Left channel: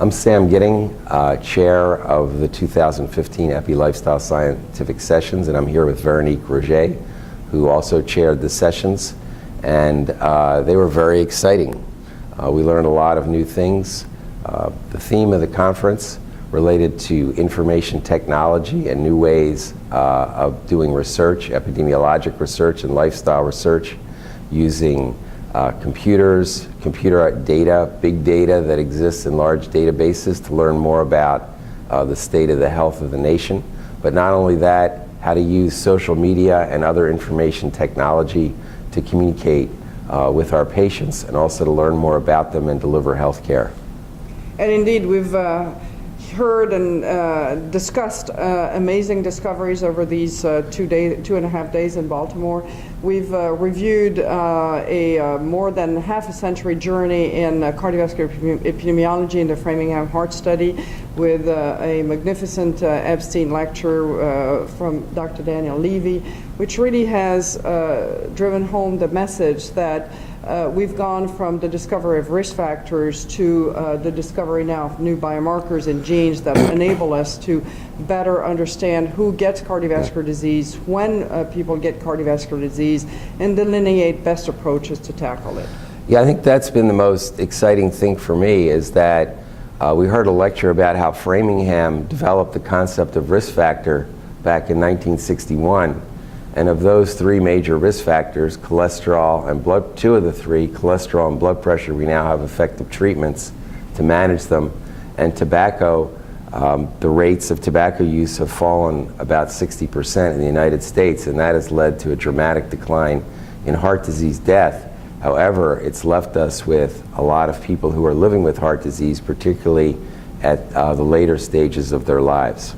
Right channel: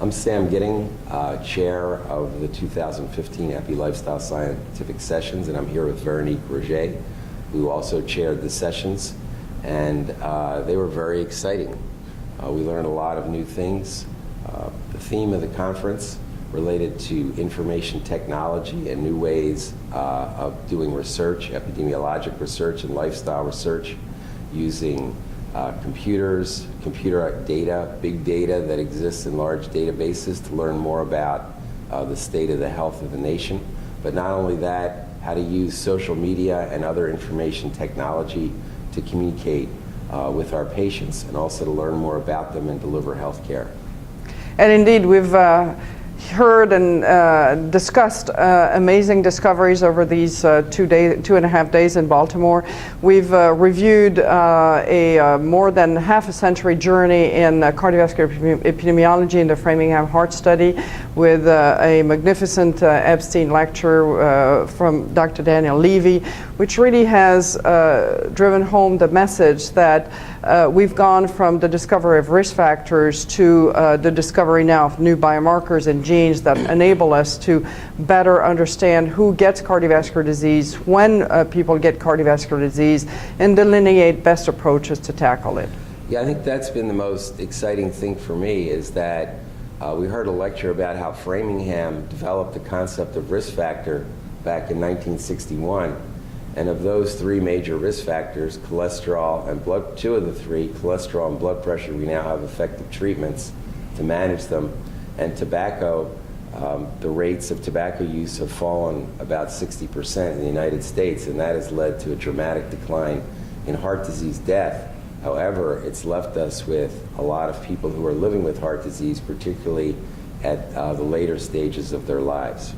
I'm Sam Giddings, chair of the 2015 Epi Lifestyle Scientific Sessions, and I'm here with Veronique L, who also chaired the sessions, and they were very exciting. We learned a lot of new things. The theme of the conference related to information technology and new ways of doing research, epidemiologic research and lifestyle research using computers, computer data, big data that exists in large databases to learn more about the state of the health of the nation. But not only that, how to use social media and other information technology to communicate with our patients and also to learn more about them and deliver health care. And indeed, we've heard and discussed amazing discoveries over these 2.5 days in Baltimore. We've reviewed a more than half a century journey in cardiovascular epidemiology in the Framingham Heart Study with a magnificent Epstein lecture from Dr. Daniel Levy, which really has driven home the message that we've gone from the discovery of risk factors to the discovery now of new biomarkers and genes that enable us to better understand who gets cardiovascular disease, when people get cardiovascular disease, and delineate best approaches to tackle it. Yeah, I think that's been the most exciting thing for me, is that we heard a lecture about how Framingham developed the concept of risk factor back in 1961. And of those three major risk factors, cholesterol and blood, two of the three, cholesterol and blood pressure, we now have effective treatments to manage them. And tobacco, the rates of tobacco use have fallen about 60% in the United States, and that has led to a dramatic decline in heart disease death. However, it's left us with a lot of people who are living with heart disease, particularly at the later stages of their lives.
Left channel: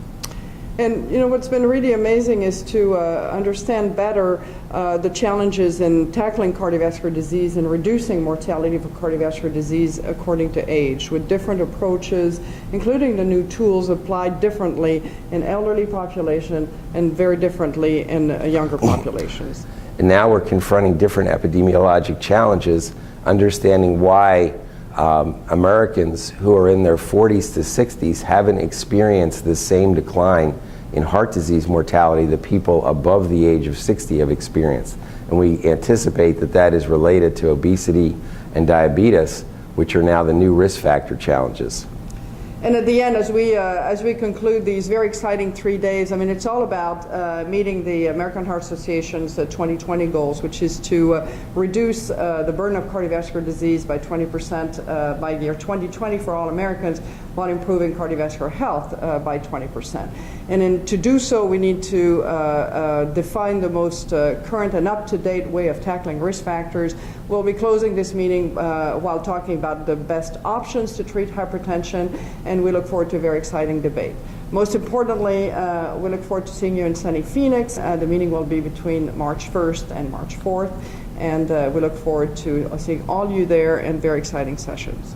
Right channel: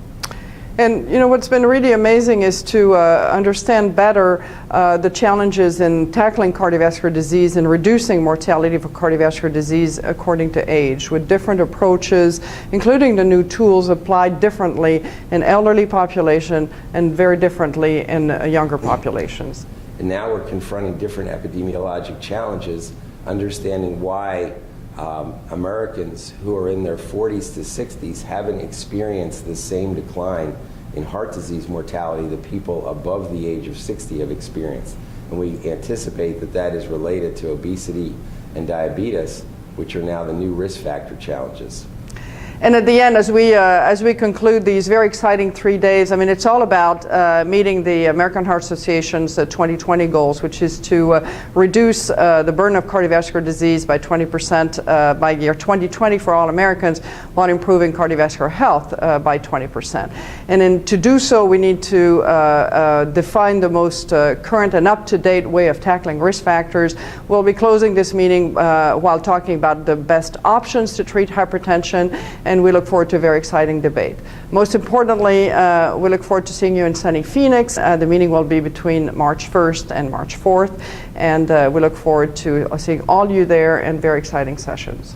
And you know, what's been really amazing is to understand better the challenges in tackling cardiovascular disease and reducing mortality for cardiovascular disease according to age, with different approaches, including the new tools applied differently in elderly population and very differently in younger populations. And now we're confronting different epidemiologic challenges, understanding why Americans who are in their 40s to 60s haven't experienced the same decline in heart disease mortality that people above the age of 60 have experienced. And we anticipate that that is related to obesity and diabetes, which are now the new risk factor challenges. And at the end, as we conclude these very exciting 3 days, I mean, it's all about meeting the American Heart Association's 2020 goals, which is to reduce the burden of cardiovascular disease by 20% by year 2020 for all Americans, while improving cardiovascular health by 20%. And to do so, we need to define the most current and up-to-date way of tackling risk factors. We'll be closing this meeting while talking about the best options to treat hypertension, and we look forward to a very exciting debate. Most importantly, we look forward to seeing you in sunny Phoenix. The meeting will be between March 1st and March 4th, and we look forward to seeing all you there and very exciting sessions.